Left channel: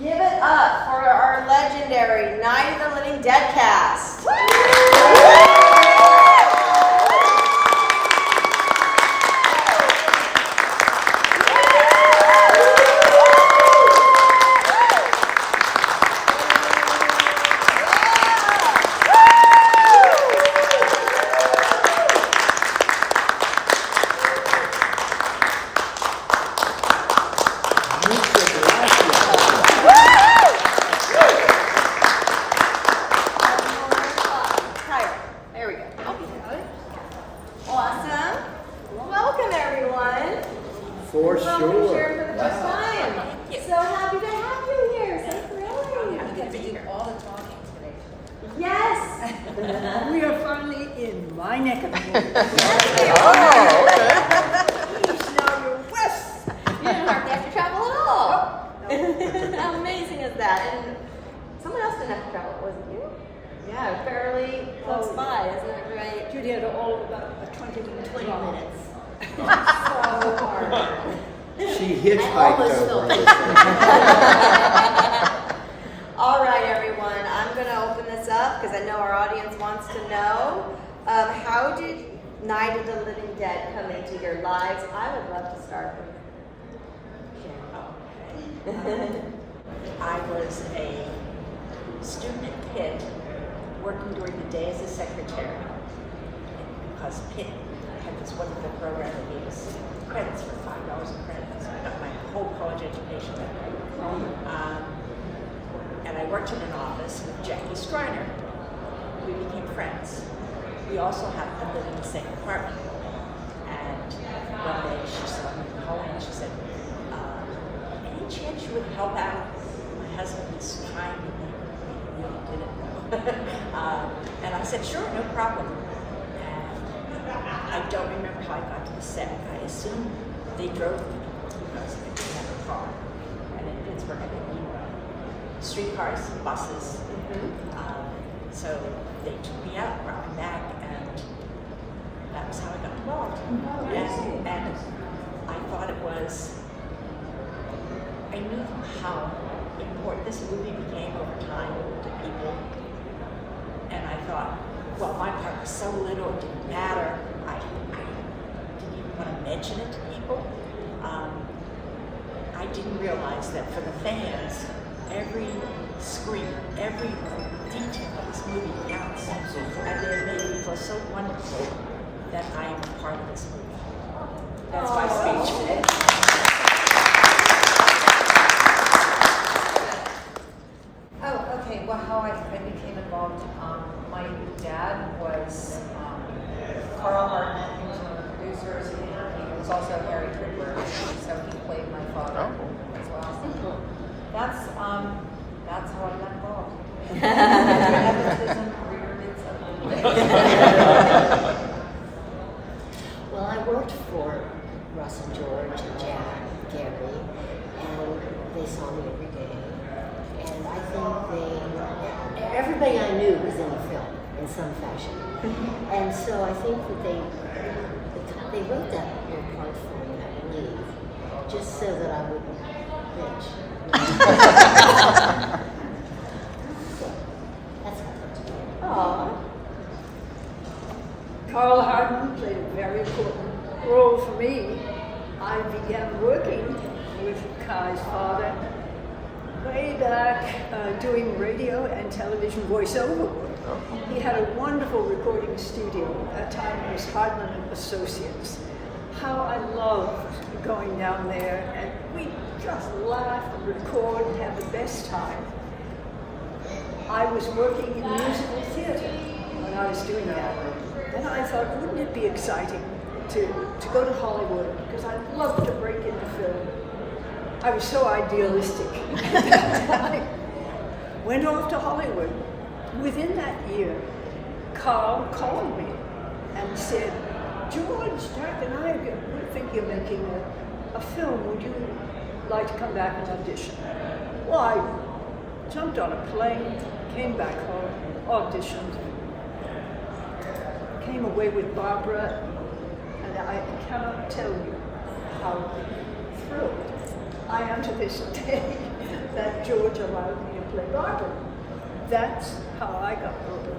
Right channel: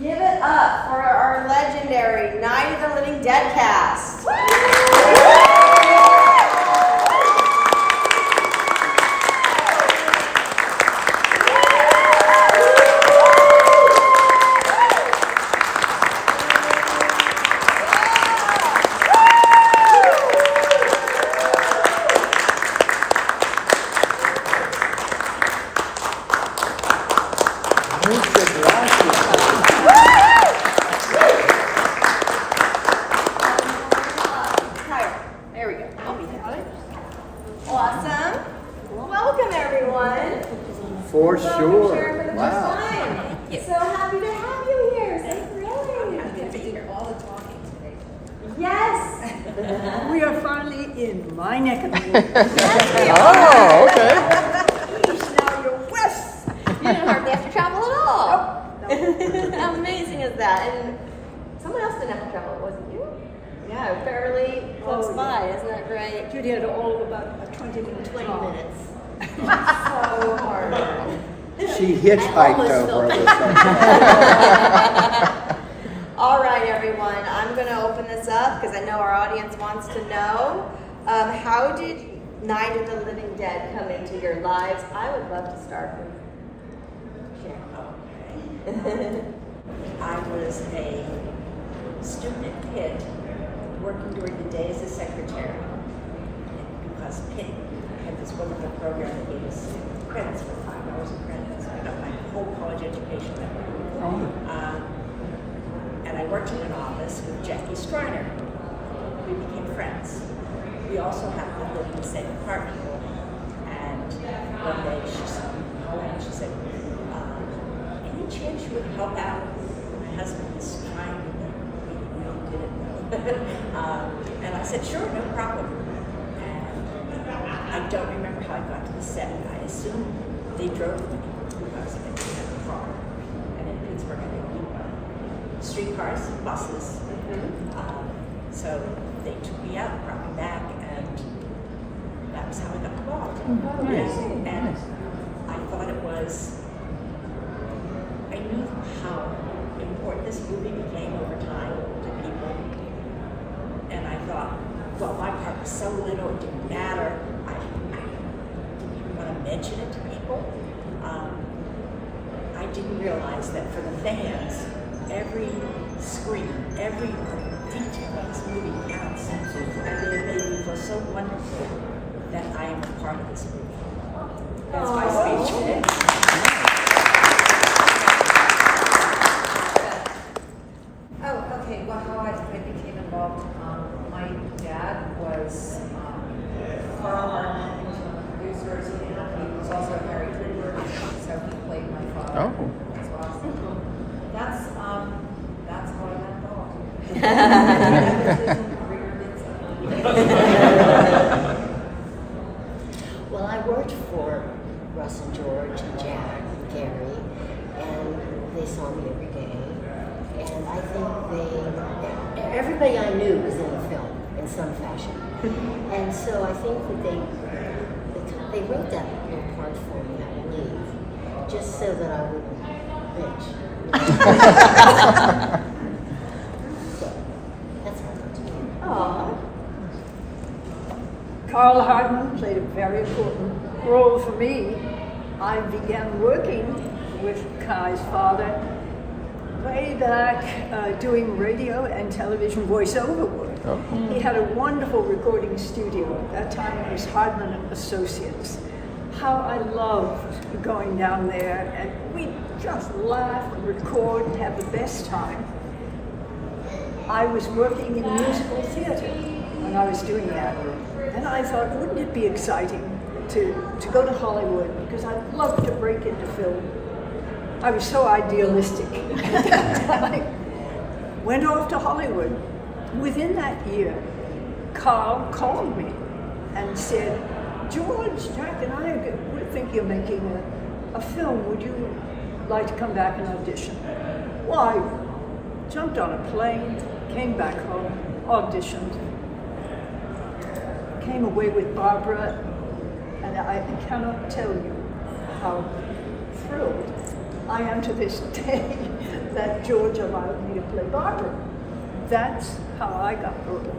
Give it up for our legendary Night of the Living Dead cast. Kyra, there we go. I'll be there. Awesome. Welcome, everyone. For Welcome, sure. Sharon, for the first time. So happy to have you here. So thrilling. I get to do all the talking today. Yes. We are finally in my neck of the woods. Yes, we are. East, now you're west. You didn't hardly have to travel at all. Nope. How amazing is that? And someone else didn't have to travel, was it you? Yeah, fairly close Oh, by. yeah. Isn't that great? Judy had all about a 20-minute 20 drive. minutes. So hard. She hitchhiked over the All right, everyone. I'm going to open this up because I know our audience wants to know. How did Night of the Living Dead come into your lives? I would love to start with Sharon. I was a student kid working during the day as a secretary because Pitt had this wonderful program that gave us credits for $5 a credit. So I got my whole college education that way. And I worked in an office with Jackie Streiner. We became friends. We also happened to live in the same apartment building. And one day she saw me going and she said, any chance you would help out? My husband is trying to really did it though. And I said, sure, no problem. And I don't remember how I got to the set. I assume they drove me because they didn't have a car. And in Pittsburgh, I didn't do one. Streetcars, buses. So they took me out, brought me back, and that was how I got involved. Oh, yay. And I thought it was, I knew how important this movie became over time to people. And I thought, well, my part was so little, it didn't matter. I didn't even want to mention it to people. I didn't realize that for the fans, every screen, every detail of this movie counts. And it made me feel so wonderful that I am a part of this movie. That's my speech today. Oh, okay. Well, how I became involved, my dad was Carroll, he was one of the producers, and he was also Harry Trooper, so he played my father as well. So that's how I got involved. Nepotism reared its ugly. Well, I worked for Russ and George and Jack and Gary, and they saw me every day. And I think everybody I knew was in the film in some fashion. And so I think that they wrote that little part for me, I believe, just so that I wouldn't bitch. So that's how it got to me. Aww. Carl Hardman played a very important role for me. I began working with Kai's father way back doing radio and television voiceover work. He had a wonderful recording studio. At that time it was Hardman and Associates. How I loved going down there, and we'd just laugh and record and have the best time. I was working in musical theater when I was doing that. And I thought, wouldn't it be exciting to go to Hollywood, because I'd love to break into film. I was so idealistic at that time. Went off to Hollywood. Within that year, Carl called me and said, George, Jack and I, we're thinking of making a film. Would you like to come back and audition? Well, I jumped on a plane, came back home, auditioned, came away with Barbara, and I cannot tell you how thrilled I am to this day that George allowed me to play Barbara. That's how I got the role.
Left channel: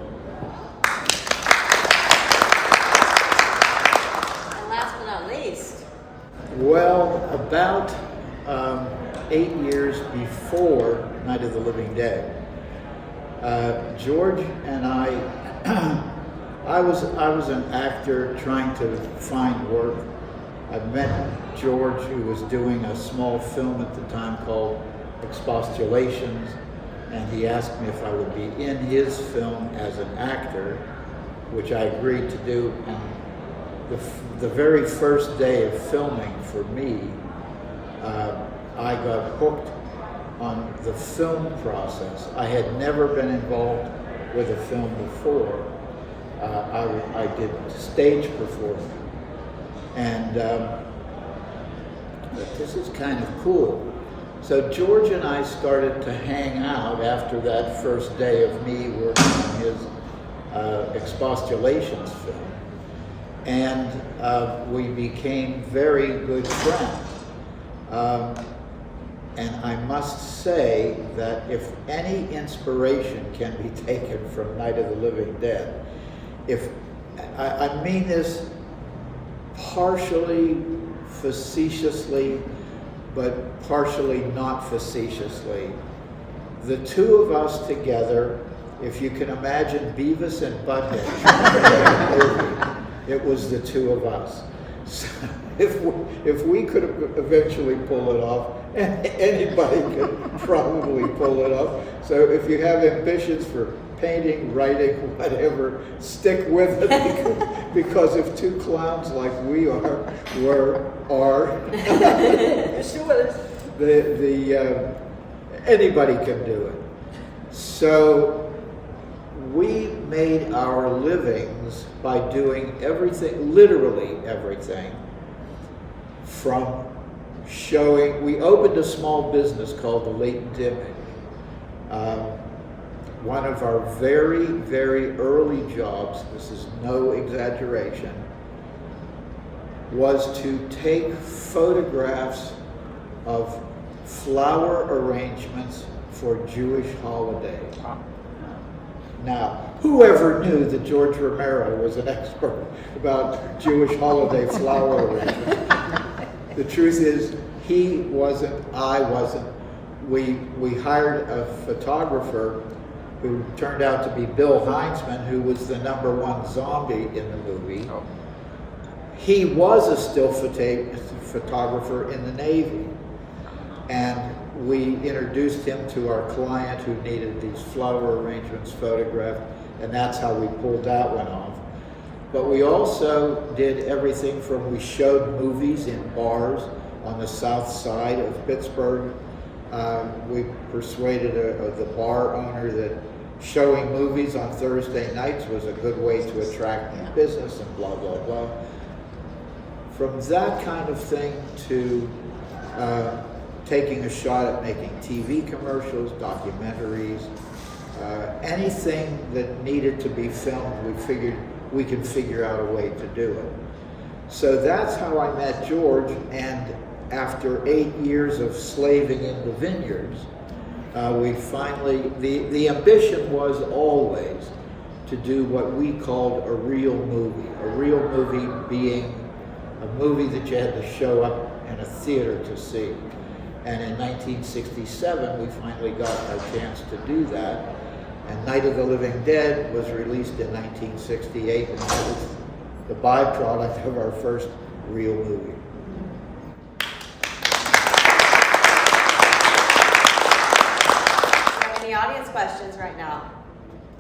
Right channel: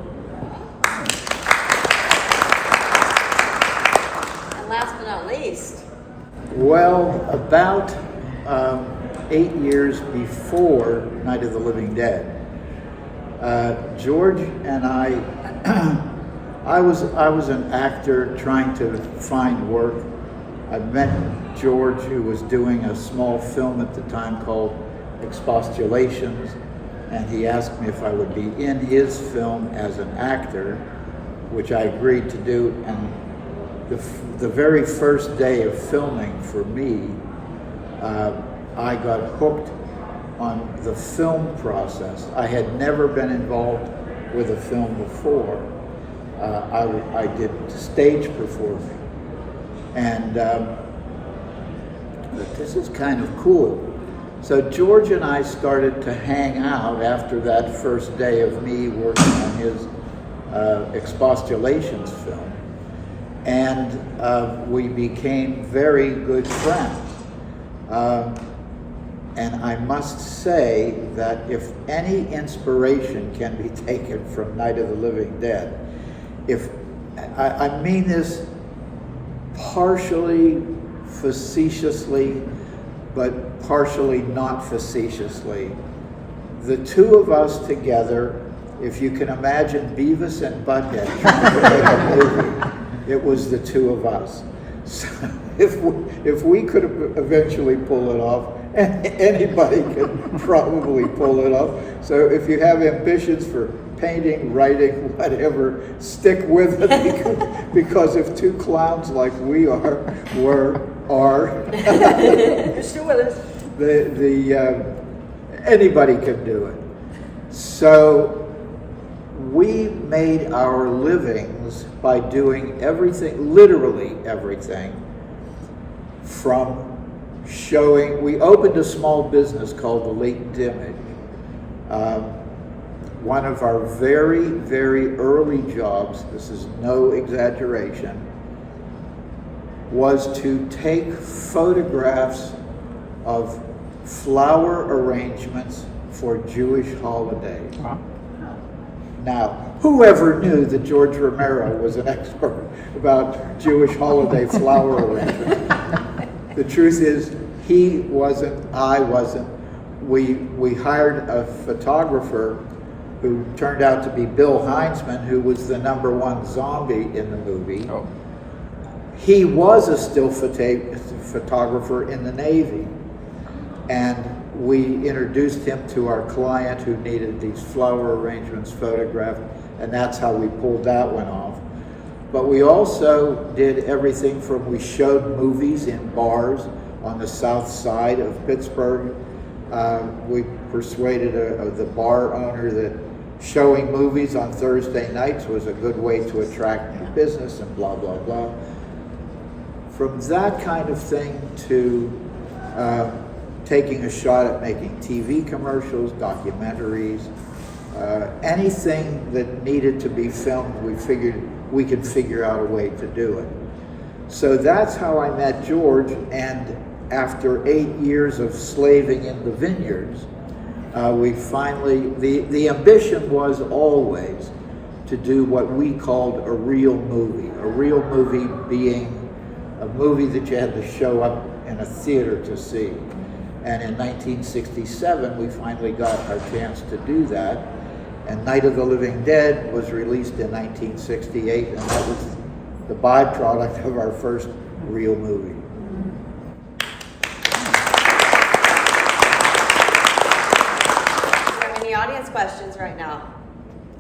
And last but not least, Well, about 8 years before Night of the Living Dead, George and I was an actor trying to find work. I met George, who was doing a small film at the time called Expostulations, and he asked me if I would be in his film as an actor, which I agreed to do. And the very first day of filming for me, I got hooked on the film process. I had never been involved with a film before. I did stage performing, and but this is kind of cool. So George and I started to hang out after that first day of me working on his Expostulations film, and we became very good friends. And I must say that if any inspiration can be taken from Night of the Living Dead, I mean this partially facetiously, but partially not facetiously. The two of us together, if you can imagine Beavis and Butthead in a movie, it was the two of us. So if we could eventually pull it off, anybody could probably pull it off. So if you have ambitions for painting, writing, whatever, stick with it, because if two clowns like we are, anybody can do it. So we made our livings by doing everything, literally everything, from showing. We opened a small business called The Latent Image. One of our very, very early jobs, this is no exaggeration, was to take photographs of flower arrangements for Jewish holidays. Now, whoever knew that George Romero was an expert about Jewish holiday flower arrangements? The truth is, he wasn't, I wasn't. We hired a photographer who turned out to be Bill Heinzman, who was the #1 zombie in the movie. He was a still photographer in the Navy, and we introduced him to our client who needed these flower arrangements photographed, and that's how we pulled that one off. But we also did everything from, we showed movies in bars on the south side of Pittsburgh. We persuaded the bar owner that showing movies on Thursday nights was a good way to attract business, and blah, blah, blah. From that kind of thing to taking a shot at making TV commercials, documentaries, anything that needed to be filmed, we figured we could figure out a way to do it. So that's how I met George, and after 8 years of slaving in the vineyards, we finally, the ambition was always to do what we called a real movie being a movie that you had to show up in a theater to see. And in 1967, we finally got our chance to do that. And Night of the Living Dead was released in 1968, and that was the byproduct of our first real movie. Any audience questions right now?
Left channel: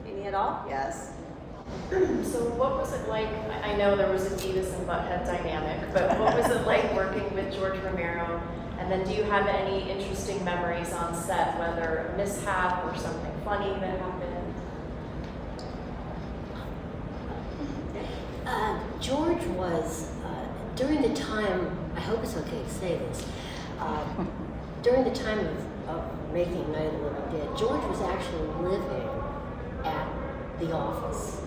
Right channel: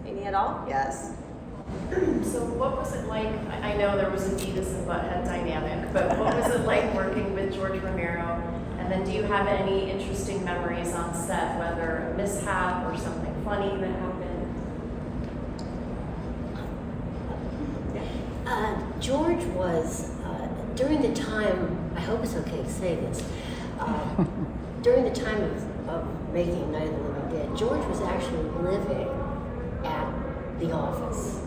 Any at all? Yes. So what was it like? I know there was a Judith and Butthead dynamic, but what was it like working with George Romero? And then do you have any interesting memories on set, whether a mishap or something funny that happened? George was, during the time, I hope it's okay to say this, during the time of making Night of the Living Dead, George was actually living at the office.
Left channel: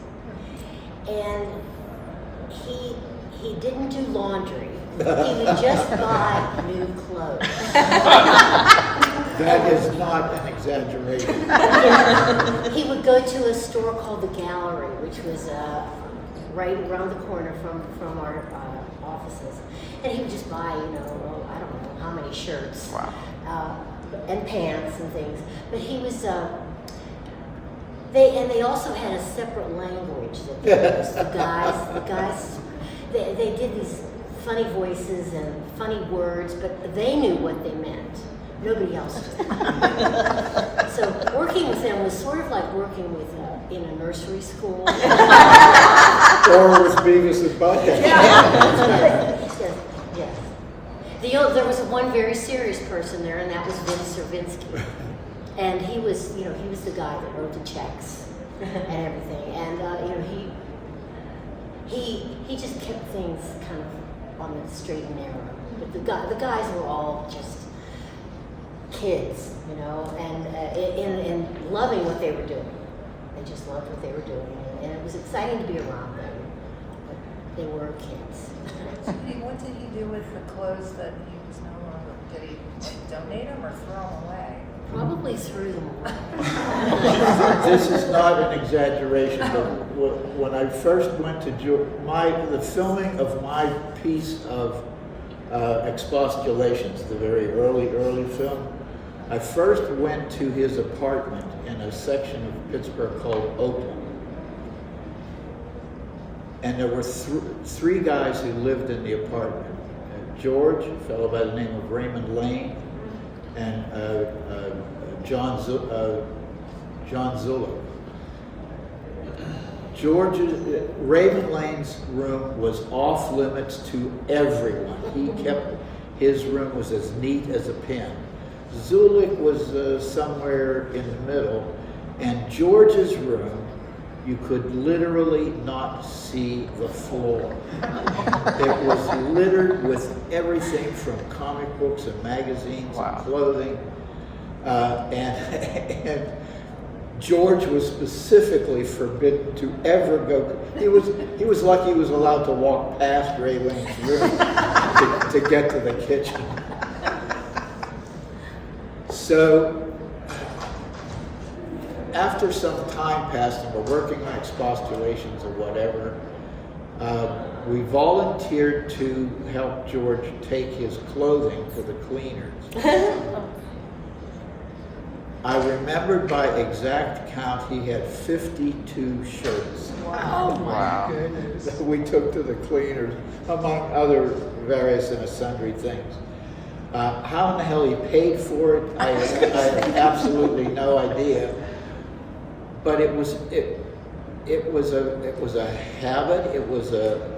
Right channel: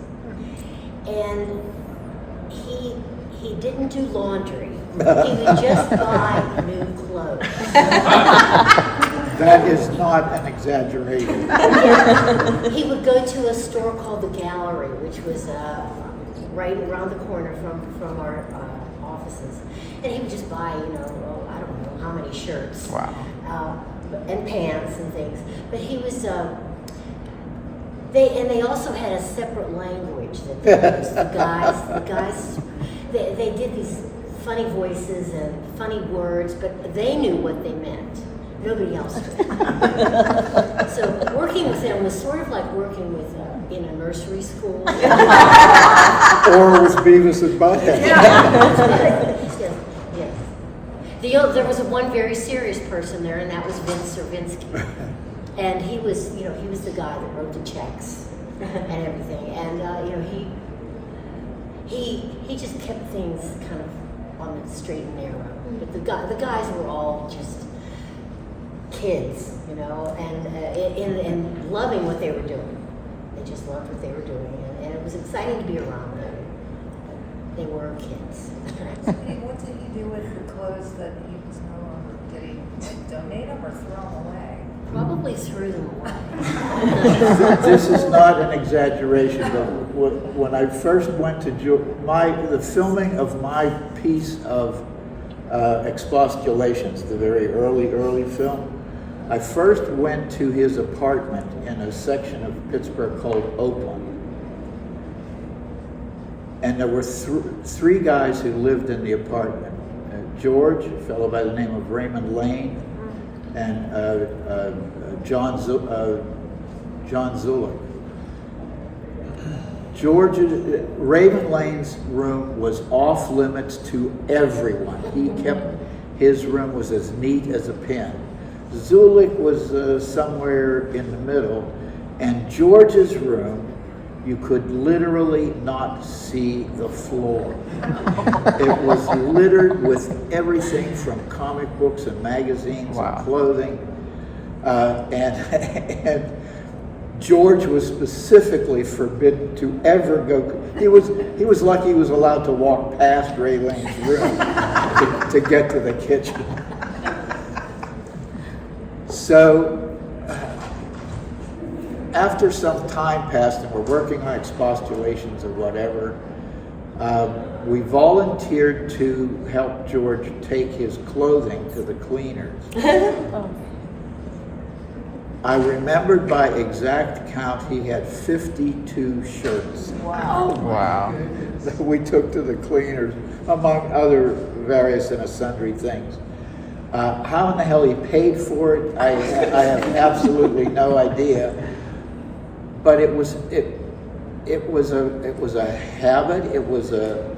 And he didn't do laundry. He would just buy new clothes. That is not an exaggeration. He would go to a store called the Gallery, which was right around the corner from our offices, and he would just buy, I don't know how many shirts, and pants and things. But he was. They also had a separate language that they used. The guys, they did these funny voices and funny words, but they knew what they meant. Nobody else did. So working with them was sort of like working with in a nursery school. Or with Beavis and Butthead. Yeah. There was one very serious person there, and that was Vince Servinsky. And he was the guy that wrote the checks and everything. And he just kept things kind of on the straight and narrow. But the guys were all just kids, and loving what they were doing. They just loved what they were doing, and it was exciting to be around them. But they were kids. What did he do with the clothes that he was no longer? Did he donate them or throw them away? Probably threw them away. This is not an exaggeration, but when I first went to the filming of my piece of expostulations, the very early film, I first went to his apartment in a section of Pittsburgh called Oakland. And there were three guys who lived in the apartment. George, a fellow by the name of Raymond Lane, and John Zulick. Raymond Lane's room was off limits to everyone. His room was as neat as a pin. Zulick was somewhere in the middle, and George's room, you could literally not see the floor. It was littered with everything from comic books and magazines and clothing. And George was specifically forbidden to ever go. He was lucky he was allowed to walk past Ray Lane's room to get to the kitchen. So after some time passed and we're working on expostulations or whatever, we volunteered to help George take his clothing to the cleaners. I remembered by exact count he had 52 shirts. Oh, wow. That we took to the cleaners, among other various and sundry things. How in the hell he paid for it, I have absolutely no idea. But it was a habit. It was a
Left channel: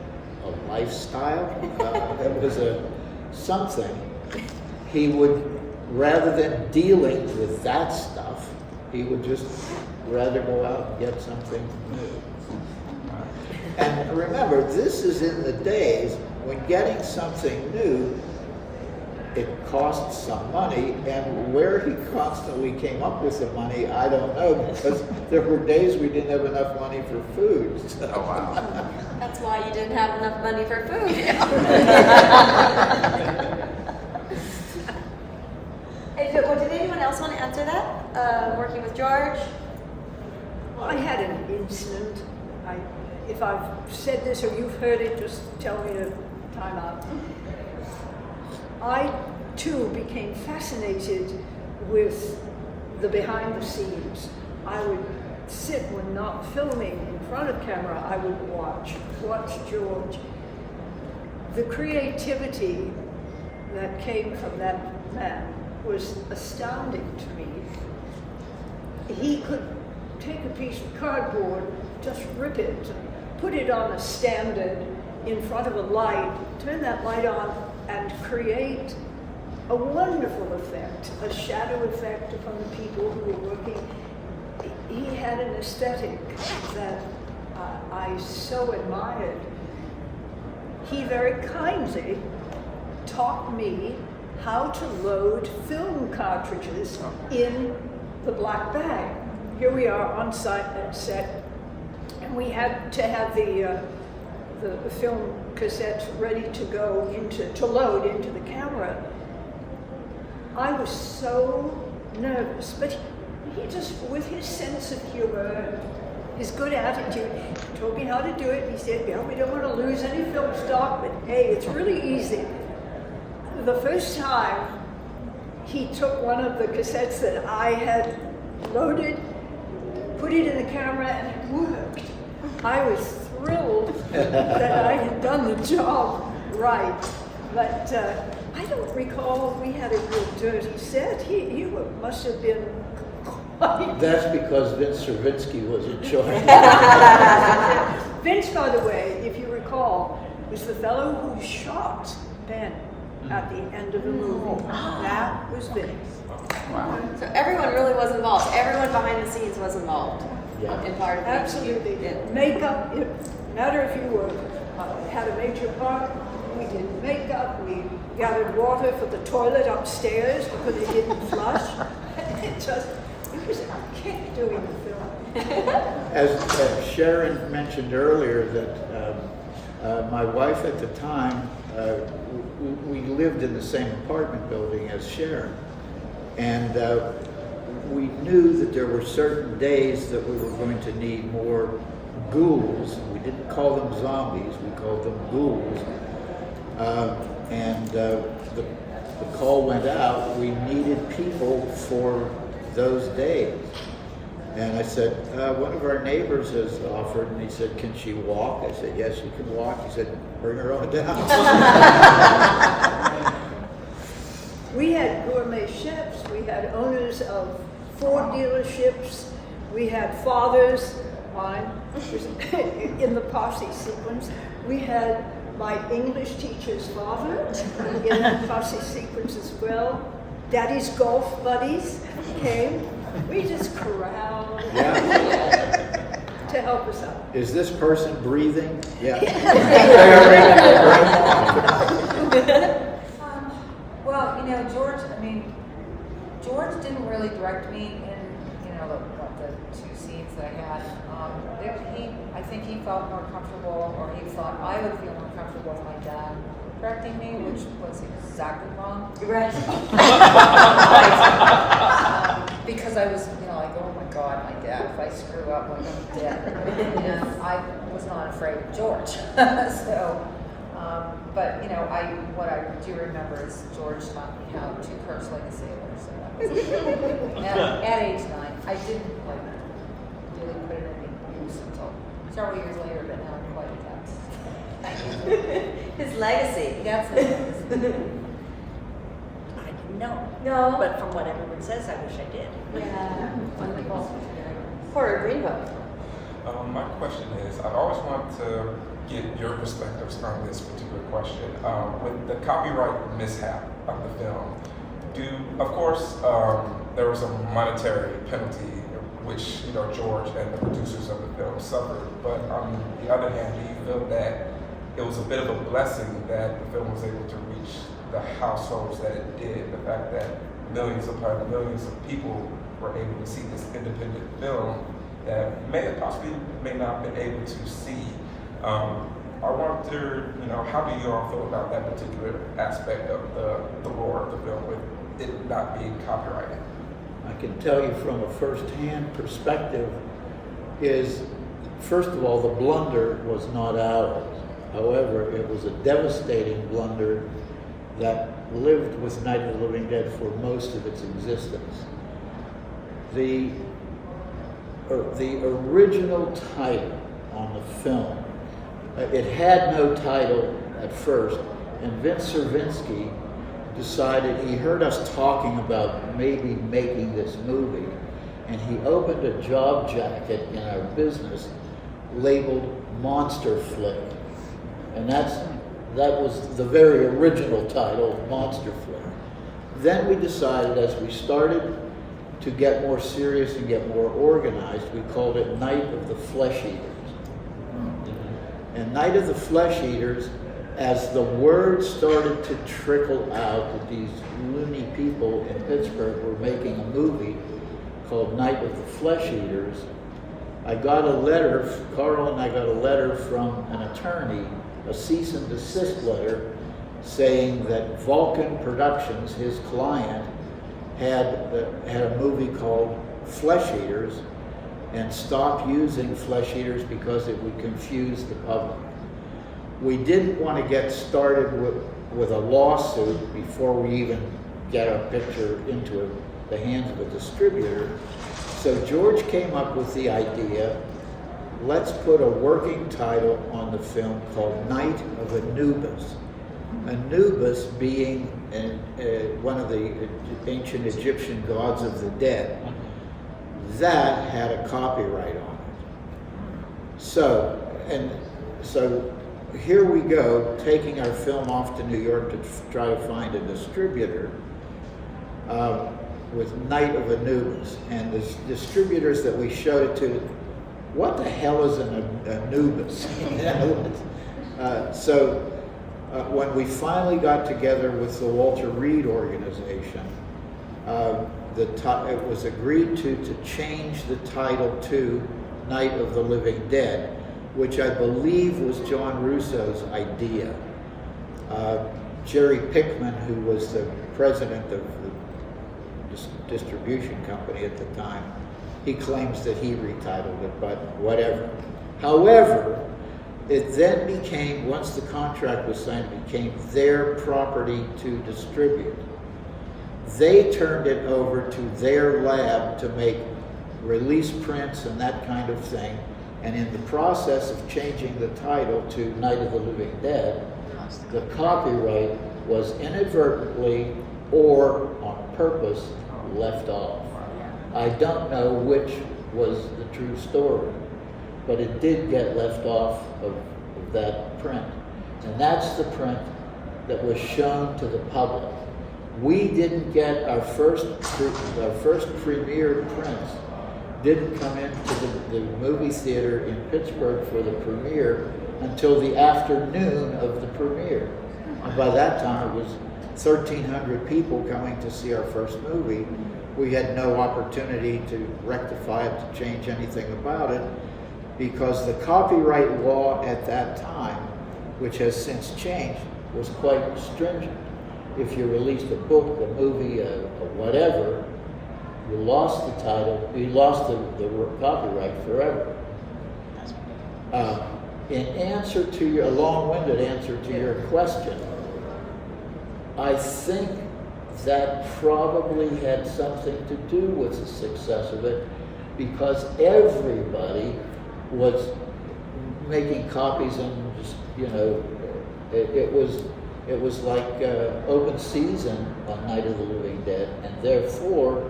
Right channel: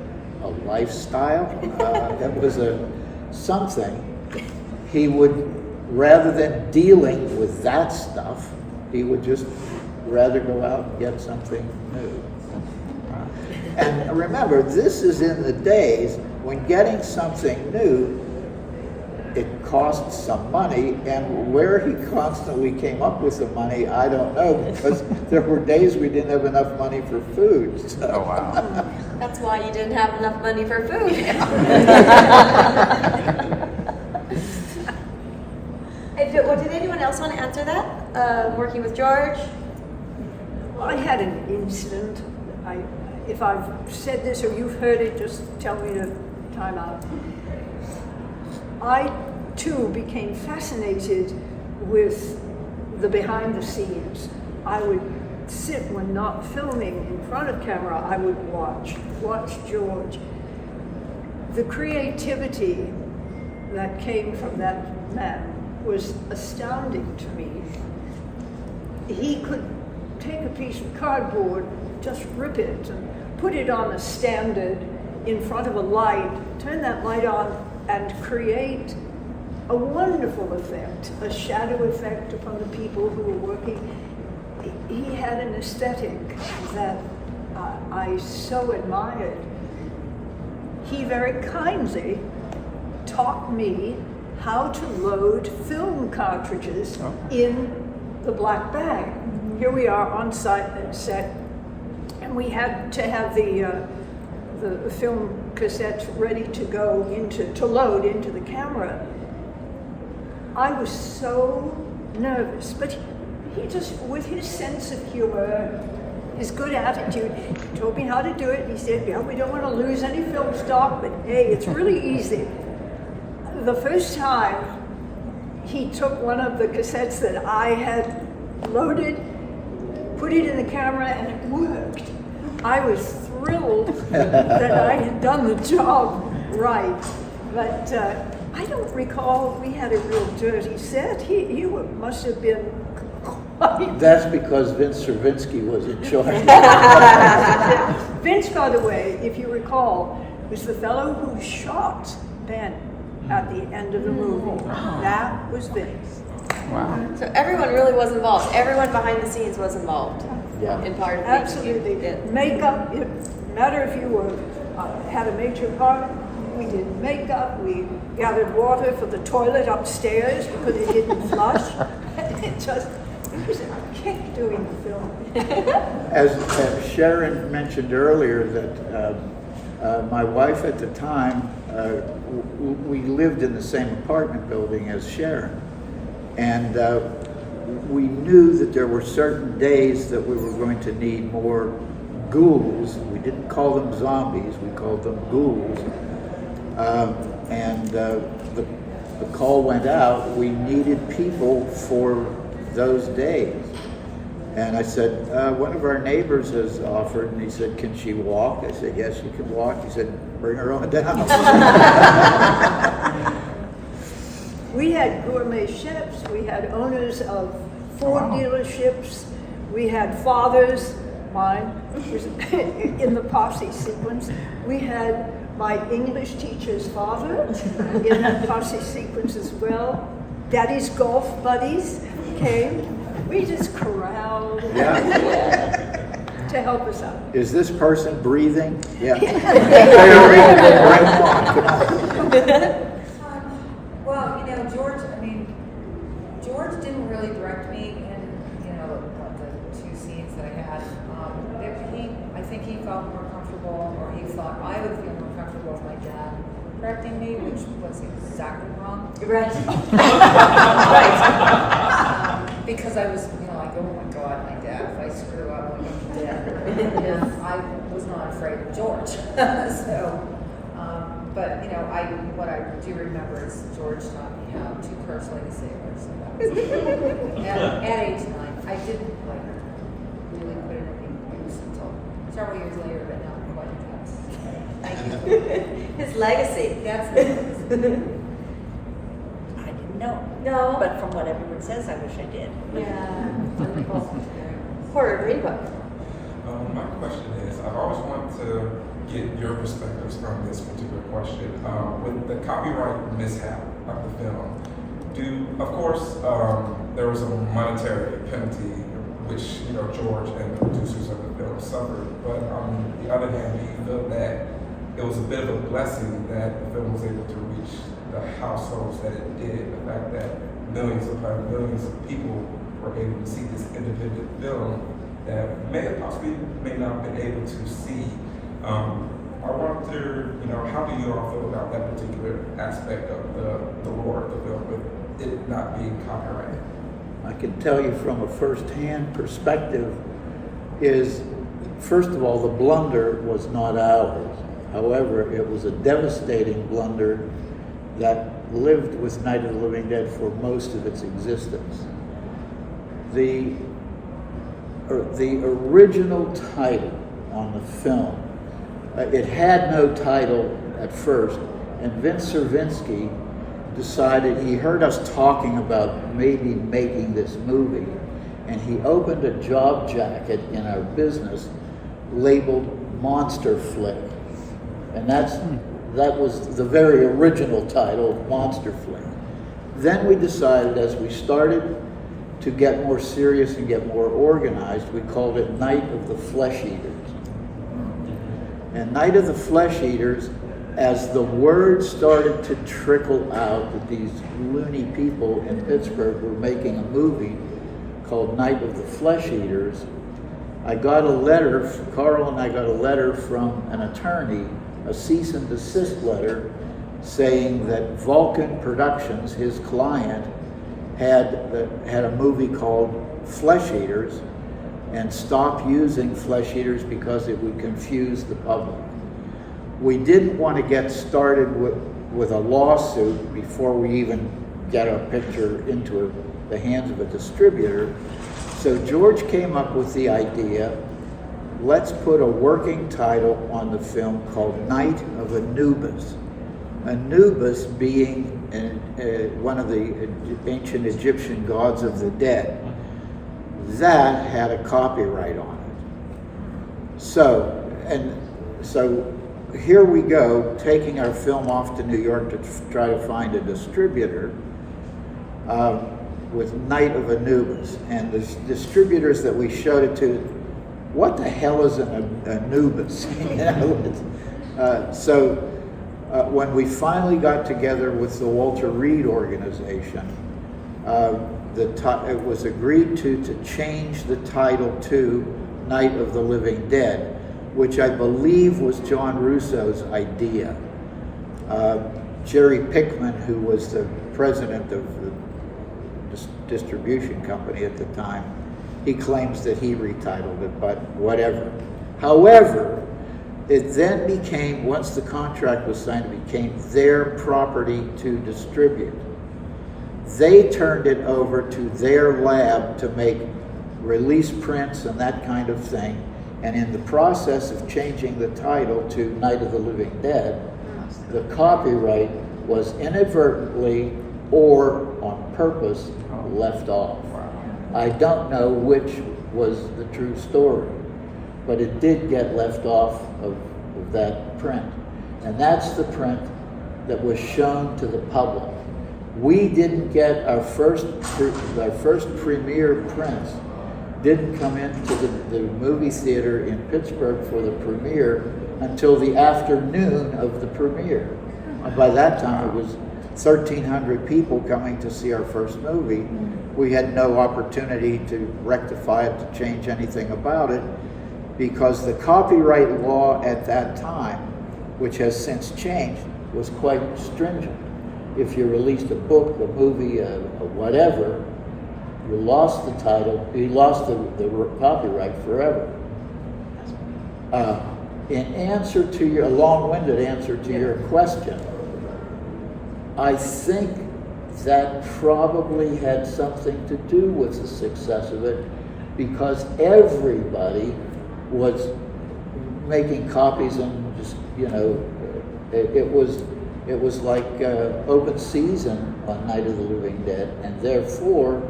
lifestyle. It was something. He would, rather than dealing with that stuff, he would just rather go out and get something new. And remember, this is in the days when getting something new, it costs some money, and where he constantly came up with the money, I don't know, because there were days we didn't have enough money for food. So. That's why you didn't have enough money for food. Did anyone else want to answer that? Working with George? Well, I had an incident. If I've said this or you've heard it, just tell me to time out. I, too, became fascinated with the behind the scenes. I would sit when not filming in front of camera, I would watch George. The creativity that came from that man was astounding to me. He could take a piece of cardboard, just rip it, and put it on a standard in front of a light, turn that light on, and create a wonderful effect, a shadow effect upon the people who were working. He had an aesthetic that I so admired. He very kindly taught me how to load film cartridges in the black bag. Here we are on set, and we had to have the film cassettes ready to go to load into the camera. I was so nervous, but he just, with his sense of humor, his good attitude, he told me how to do it. He said, yeah, we don't want to lose any film stock, but hey, it's really easy. The first time, he took one of the cassettes that I had loaded, put it in the camera, and it worked. I was thrilled that I had done the job right, but I don't recall we had a real dirty set. He must have been quite... That's because Vince Stravinsky was in charge. Vince, by the way, if you recall, was the fellow who shot Ben at the end of the movie. That was Vince. So everyone really was involved. Everyone behind the scenes was involved. Yeah. In part of Absolutely. making it. Makeup, it matter if you were had a major part. We did makeup. We gathered water for the toilet upstairs because it didn't flush. It was a kick doing the film. As Sharon mentioned earlier, that my wife at the time, we lived in the same apartment building as Sharon, and we knew that there were certain days that we were going to need more ghouls. We didn't call them zombies, we called them ghouls. The call went out, we needed people for those days. And I said, one of our neighbors has offered, and he said, can she walk? I said, yes, she can walk. He said, bring her on down. We had gourmet chefs, we had owners of Ford dealerships, we had fathers, mine was in the posse sequence. We had my English teacher's father in that posse sequence as well. Daddy's golf buddies came. We just corralled to help us out. Is this person breathing? Yeah. Bring him in. Bring him on. Well, George didn't really direct me in, the two scenes that I had. I think he felt more comfortable, or he thought I would feel more comfortable with my dad correcting me, which was exactly wrong. Right. Because I was, like, oh my God, my dad, if I screw up, I'm dead. And I was not afraid of George. So, but, what I do remember is George taught me how to curse like a sailor. So that was at age 9. I didn't, really put it in use until several years later, but now I'm quite attached. His legacy. That's his legacy. I didn't know. No. But from what everyone says, I wish I did. Yeah. Wonderful. Horror Green Book. My question is, I always want to get your perspectives on this particular question. With the copyright mishap of the film, of course, there was a monetary penalty which George and the producers of the film suffered. But on the other hand, do you feel that it was a bit of a blessing that the film was able to reach the households that it did? The fact that millions upon millions of people were able to see this independent film that may not have been able to see. I wonder, how do you all feel about that particular aspect of the lore of the film with it not being copyrighted? I can tell you from a first-hand perspective is, first of all, the blunder was not ours. However, it was a devastating blunder that lived with Night of the Living Dead for most of its existence. The original title on the film, it had no title at first, and Vince Stravinsky decided, he heard us talking about maybe making this movie, and he opened a job jacket in our business labeled Monster Flick. And that was the very original title, Monster Flick. Then we decided, as we started to get more serious and get more organized, we called it Night of the Flesh Eaters. And Night of the Flesh Eaters, as the word started to trickle out that these loony people in Pittsburgh were making a movie called Night of the Flesh Eaters, I got a letter, Carroll and I got a letter from an attorney, a cease and desist letter, saying that Vulcan Productions, his client, had a movie called Flesh Eaters, and stopped using Flesh Eaters because it would confuse the public. We didn't want to get started with a lawsuit before we even get our picture into the hands of a distributor. So George came up with the idea, let's put a working title on the film called Night of Anubis. Anubis being one of the ancient Egyptian gods of the dead. That had a copyright on it. So here we go, taking our film off to New York to try to find a distributor with Night of Anubis. And the distributors that we showed it to, what the hell is an Anubis? When we finally got together with the Walter Reed organization, it was agreed to change the title to Night of the Living Dead, which I believe was John Russo's idea. Jerry Pickman, who was the president of the distribution company at the time, he claims that he retitled it, but whatever. However, it then became, once the contract was signed, it became their property to distribute. They turned it over to their lab to make release prints and that kind of thing. And in the process of changing the title to Night of the Living Dead, the copyright was inadvertently or on purpose left off. I don't know which was the true story, but it did get left off of that print. And that's the print that was shown to the public. We didn't get our first premiere prints didn't come into the movie theater in Pittsburgh for the premiere until the afternoon of the premiere. And by that time it was 1,300 people coming to see our first movie. We had no opportunity to rectify it, to change anything about it, because the copyright law at that time, which has since changed, was quite stringent. If you released a book, a movie, whatever, you lost the title, you lost the copyright forever. In answer to your, a long-winded answer to your question, I think that probably had something to do with the success of it, because everybody was making copies and just, it was like open season on Night of the Living Dead, and therefore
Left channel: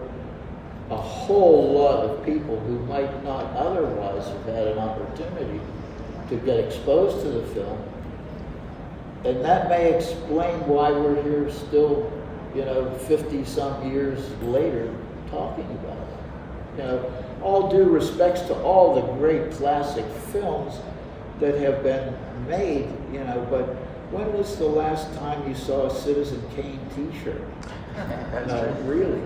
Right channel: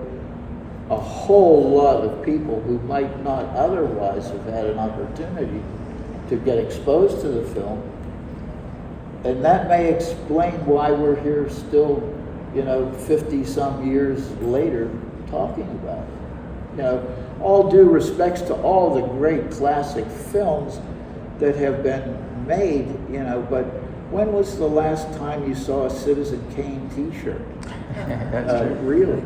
a whole lot of people who might not otherwise have had an opportunity to get exposed to the film. And that may explain why we're here still, 50 some years later talking about it. All due respects to all the great classic films that have been made, but when was the last time you saw a Citizen Kane t-shirt? Really?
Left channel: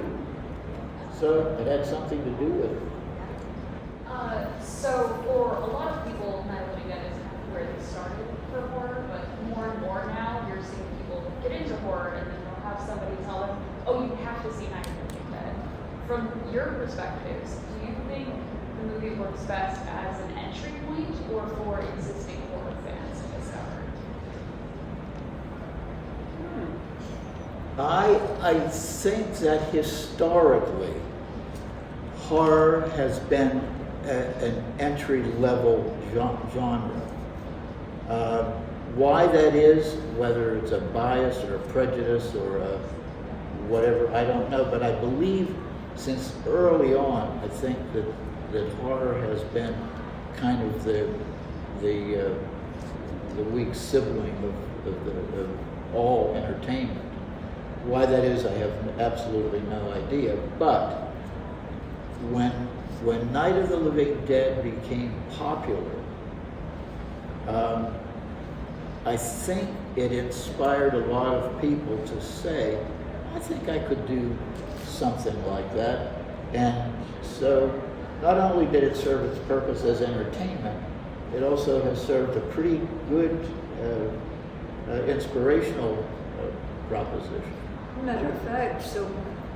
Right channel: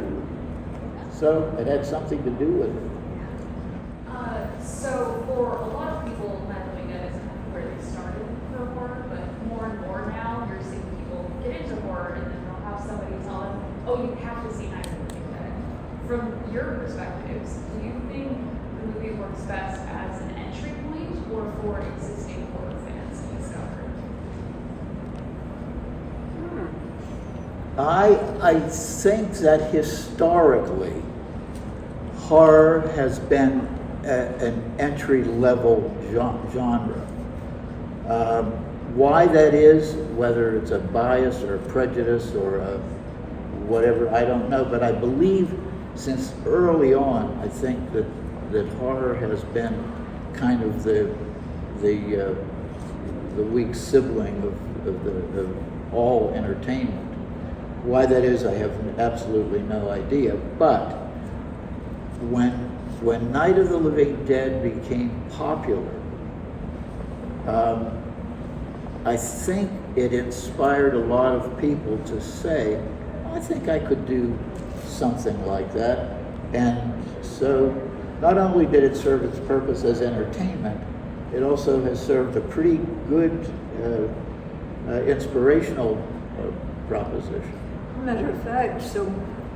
So it had something to do with it. So for a lot of people, Night of the Living Dead is kind of where they started for horror, but more and more now you're seeing people get into horror and then they'll have somebody tell them, oh, you have to see Night of the Living Dead. From your perspectives, do you think the movie works best as an entry point or for existing horror fans to discover? I think that historically, horror has been an entry-level genre. Why that is, whether it's a bias or a prejudice or a whatever, I don't know, but I believe since early on, I think that horror has been kind of the weak sibling of all entertainment. Why that is, I have absolutely no idea. But when Night of the Living Dead became popular, I think it inspired a lot of people to say, I think I could do something like that. And so not only did it serve its purpose as entertainment, it also has served a pretty good inspirational proposition. Matter of fact, so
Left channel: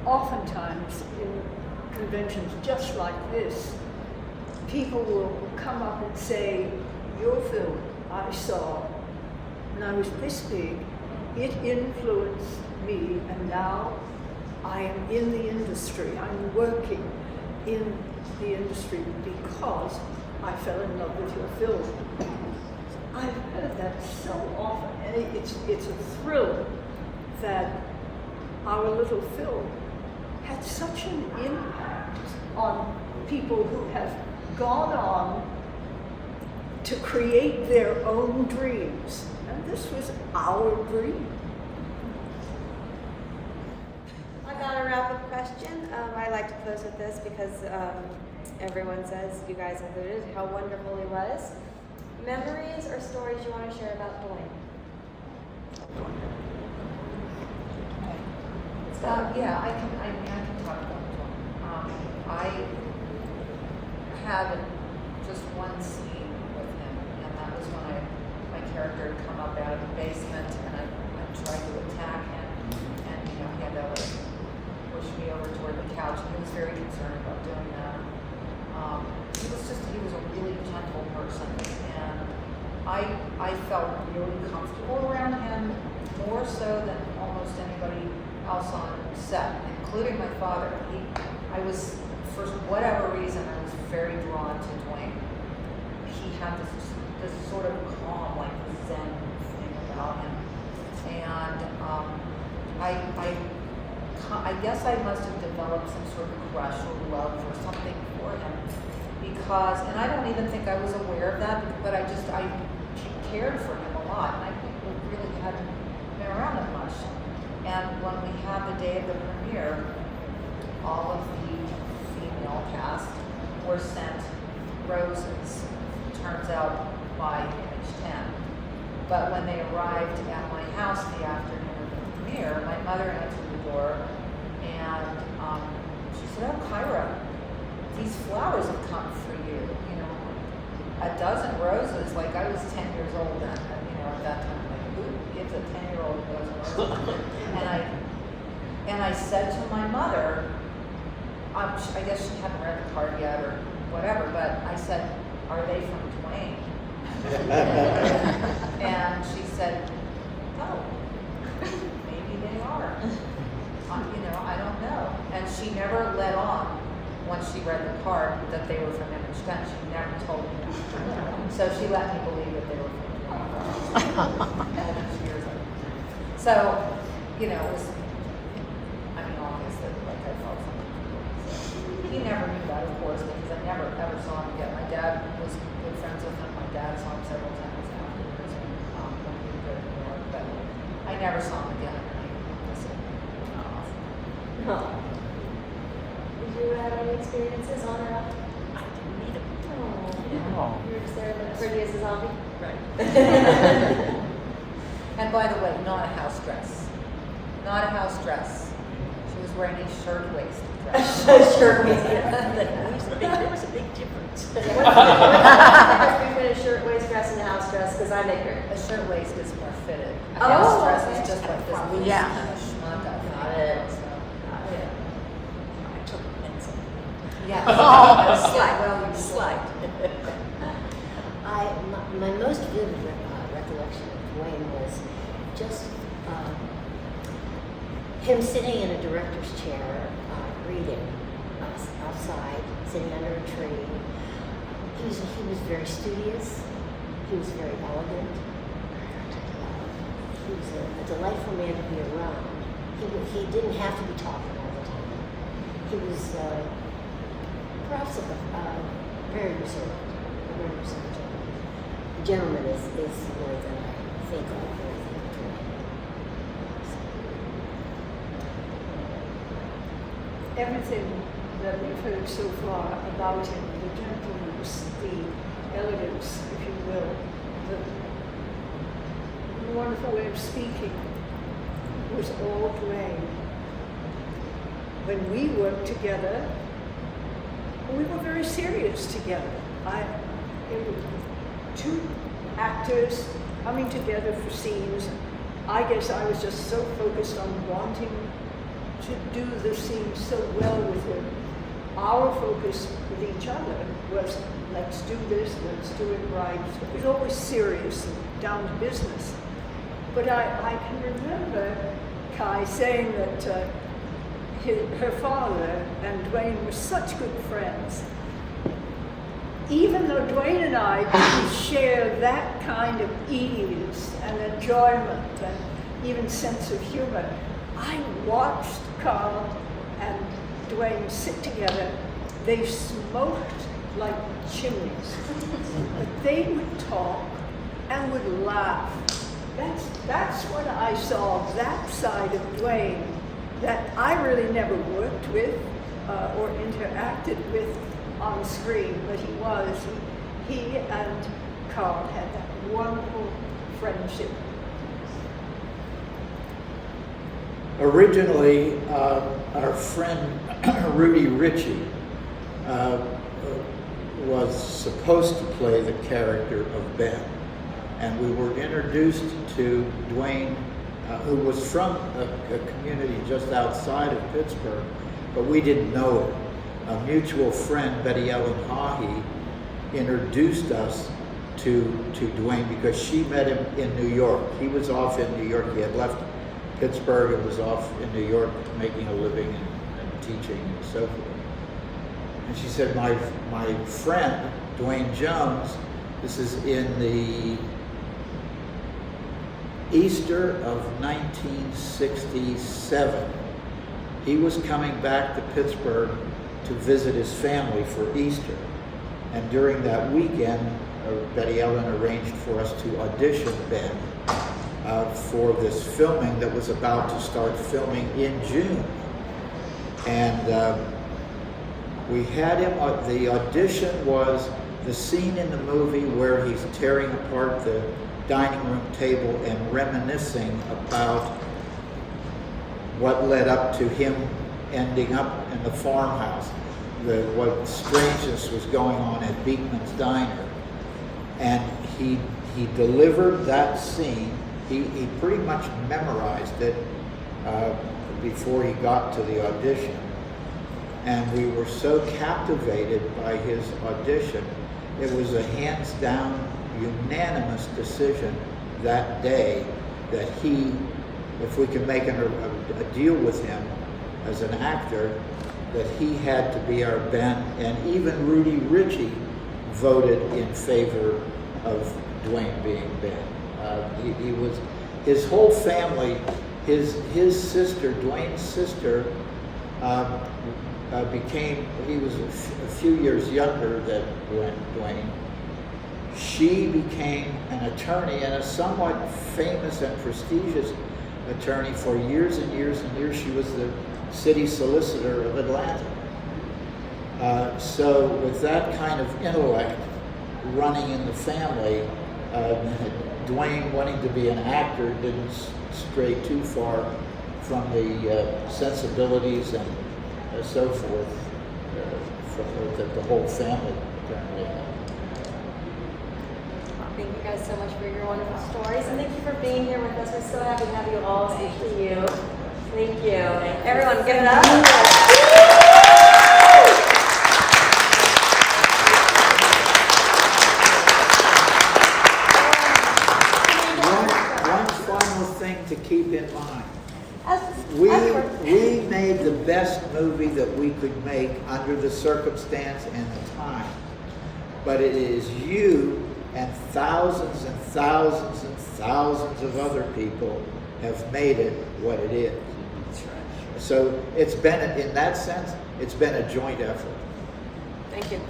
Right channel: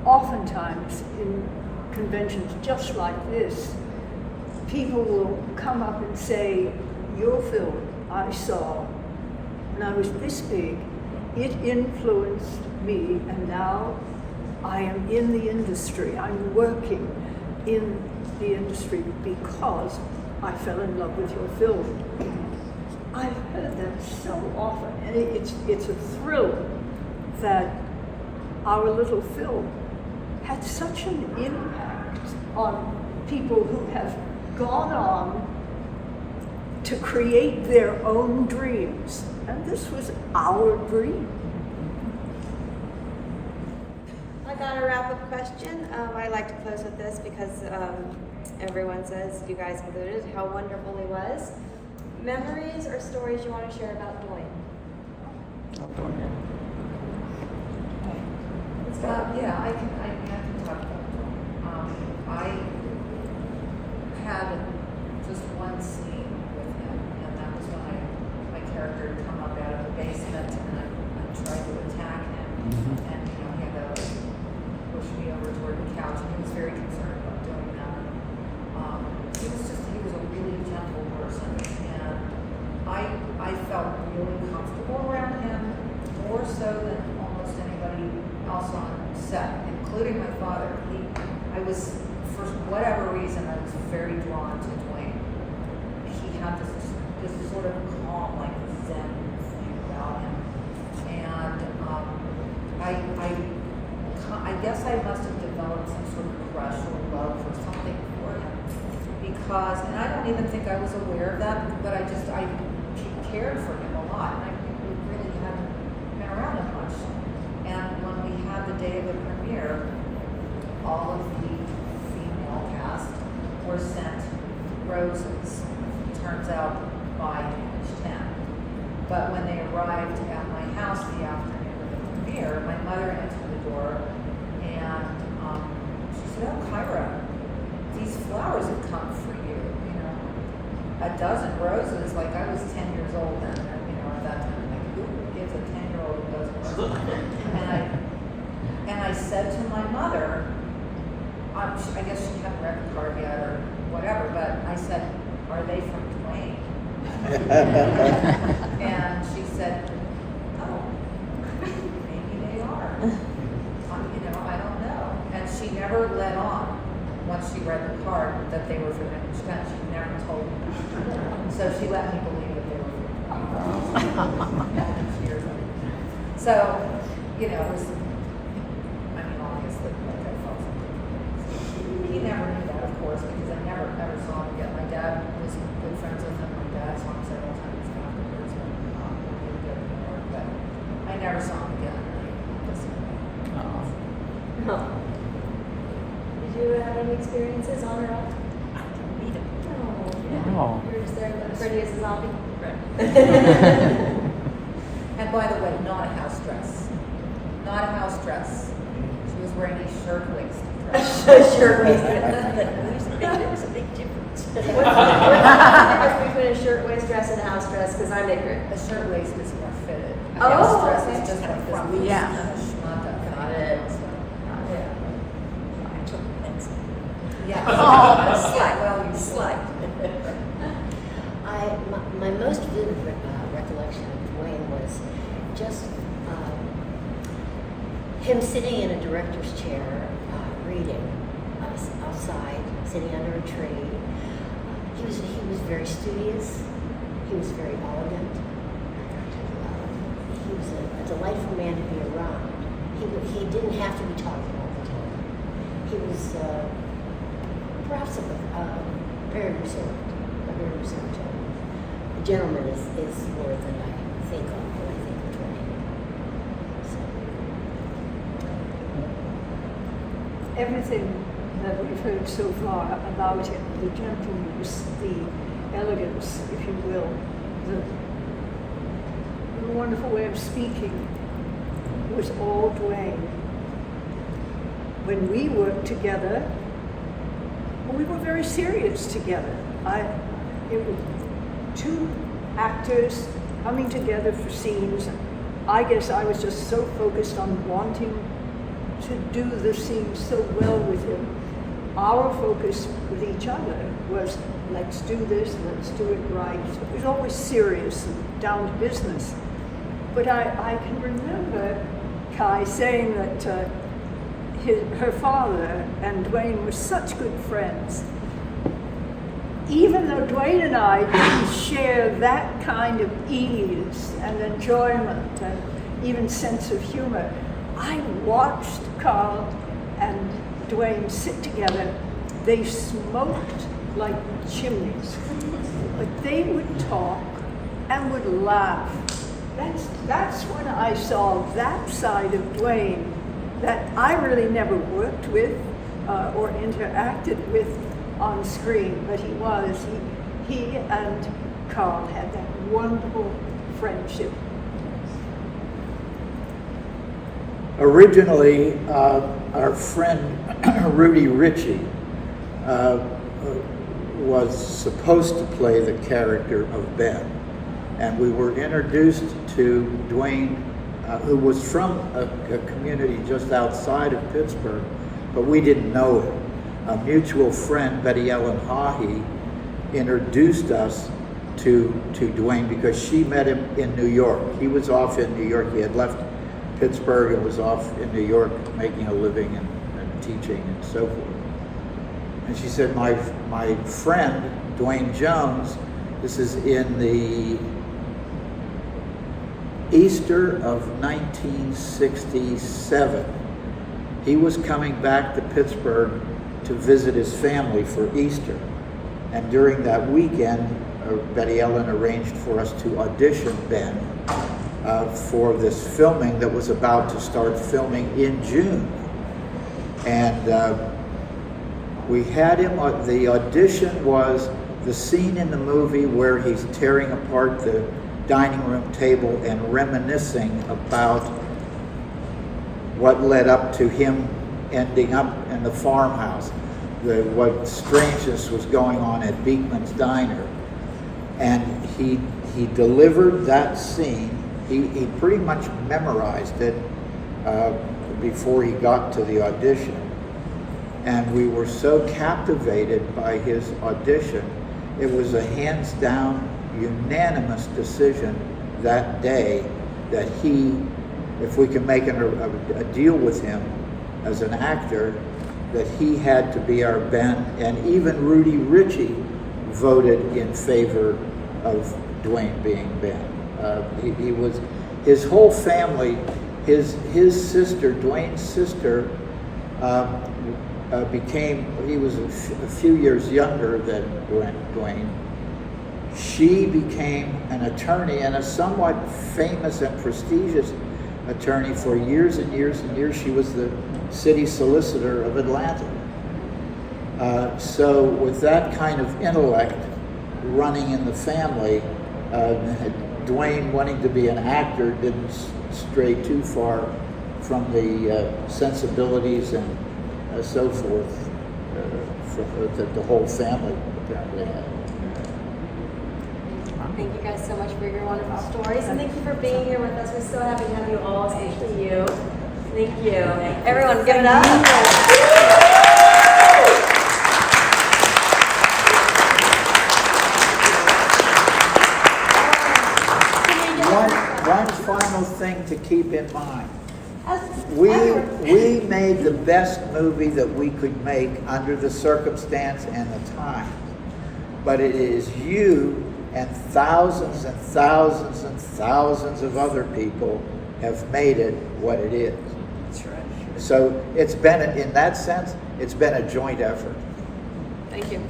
oftentimes in conventions just like this, people will come up and say, your film I saw when I was this big, it influenced me, and now I am in the industry. I'm working in the industry because I fell in love with your film. I've heard that so often, and it's a thrill that our little film had such an impact on people who have gone on to create their own dreams. And this was our dream. I got a wrap-up question. I like to close with this because everyone says, you guys included, how wonderful he was. Memories or stories you want to share about Dwayne? Yeah, I can talk about John. I had just one scene with him, and that was when my character had come up out of the basement, and I tried to attack him, and he had to like push me over toward the couch, and he was very concerned about doing that. He was a really gentle person, and I felt really comfortable around him, more so than almost anybody else on set, including my father. I was, for whatever reason, I was very drawn to Dwayne. He had this sort of calm, like Zen thing about him, and I guess I must have developed some sort of crush or love or something for him, because, and I don't even think I was aware of that, but I cared for him a lot, and I really hadn't been around him much. And when we had the day of the premiere, all of the female cast were sent roses, turns out by Image 10. But when they arrived at my house the afternoon of the premiere, my mother answered the door, and she said, "Oh, Kyra, these flowers have come for you. You know, a dozen roses." Like, I was 10 years old then, at that time. Like, who gives a 10-year-old a dozen roses? And I said to my mother, I guess she hadn't read the card yet or whatever, but I said, "Are they from Dwayne?" And she said, "Oh, maybe they are. I don't know." And she never let on, once she read the card, that they were from Image 10. She never told me that. So she let me believe that they were from Dwayne. So, it was, obviously, like, I felt something. He never knew that, of course, because I never ever saw him again. My dad was good friends with him. My dad saw him several times afterwards when we were good anymore, but I never saw him again. No. Did you have any experiences on or off? I didn't meet him. Oh, you were just there looking pretty as a zombie? Right. And by the way, not a house dress. Not a house dress. She was wearing a shirtwaist dress. Shirtwaist. There was a big difference. What's the difference between a shirtwaist dress and a house dress? Because I'm ignorant. A shirtwaist is more fitted. A Oh, house dress okay. is just like this loose kind of schmuck. Got it. So, Yeah. I took a pencil. yeah. Slide. Well, you Slide. My most vivid recollection of Dwayne was just him sitting in a director's chair, reading outside, sitting under a tree. He was very studious. He was very elegant. He was a delightful man to be around. He didn't have to be talking all the time. He was perhaps very reserved, a very reserved gentleman. Gentleman is the word that I think of when I think of Dwayne. Everything that we've heard so far about him, the gentleness, the elegance, if you will, the wonderful way of speaking, was all Dwayne. When we worked together, we were very serious together. It was two actors coming together for scenes. I guess I was just so focused on wanting to do the scene so well with him. Our focus with each other was, let's do this, let's do it right. It was always serious and down to business. But I can remember Kai saying that her father and Dwayne were such good friends. Even though Dwayne and I didn't share that kind of ease and enjoyment and even sense of humor, I watched Carl and Dwayne sit together. They smoked like chimneys, but they would talk and would laugh. That's when I saw that side of Dwayne that I really never worked with or interacted with on screen, but he and Carl had that wonderful friendship. Originally, our friend Rudy Ritchie was supposed to play the character of Ben, and we were introduced to Dwayne, who was from a community just outside of Pittsburgh, but we didn't know it. A mutual friend, Betty Ellen Haughey, introduced us to Dwayne because she met him in New York. He was off in New York. He had left Pittsburgh and was off in New York making a living and teaching and so forth. And she said, my friend, Dwayne Jones, this is in the Easter of 1967. He was coming back to Pittsburgh to visit his family for Easter. And during that weekend, Betty Ellen arranged for us to audition Ben for this filming that was about to start filming in June. And we had him, the audition was the scene in the movie where he's tearing apart the dining room table and reminiscing about what led up to him ending up in the farmhouse, what strangeness was going on at Beekman's Diner. And he delivered that scene. He pretty much memorized it before he got to the audition. And we were so captivated by his audition. It was a hands down, unanimous decision that day that if we could make a deal with him as an actor, that he had to be our Ben. And even Rudy Ritchie voted in favor of Dwayne being Ben. He was, his whole family, his sister, Dwayne's sister, he was a few years younger than Dwayne. She became an attorney, and a somewhat famous and prestigious attorney for years and years and years. She was the city solicitor of Atlanta. So with that kind of intellect running in the family, Dwayne wanting to be an actor didn't stray too far from the sensibilities and so forth that the whole family apparently had. Thank you guys so much for your wonderful stories, and thank you for being here with us. We're so happy to have you all, especially you. Thank you. Everyone, give it up. One final thing to keep in mind. We made the best movie that we could make under the circumstance and the time. But it is you and thousands and thousands and thousands of other people have made it what it is. That's right. So it's been, in that sense, it's been a joint effort. Thank you.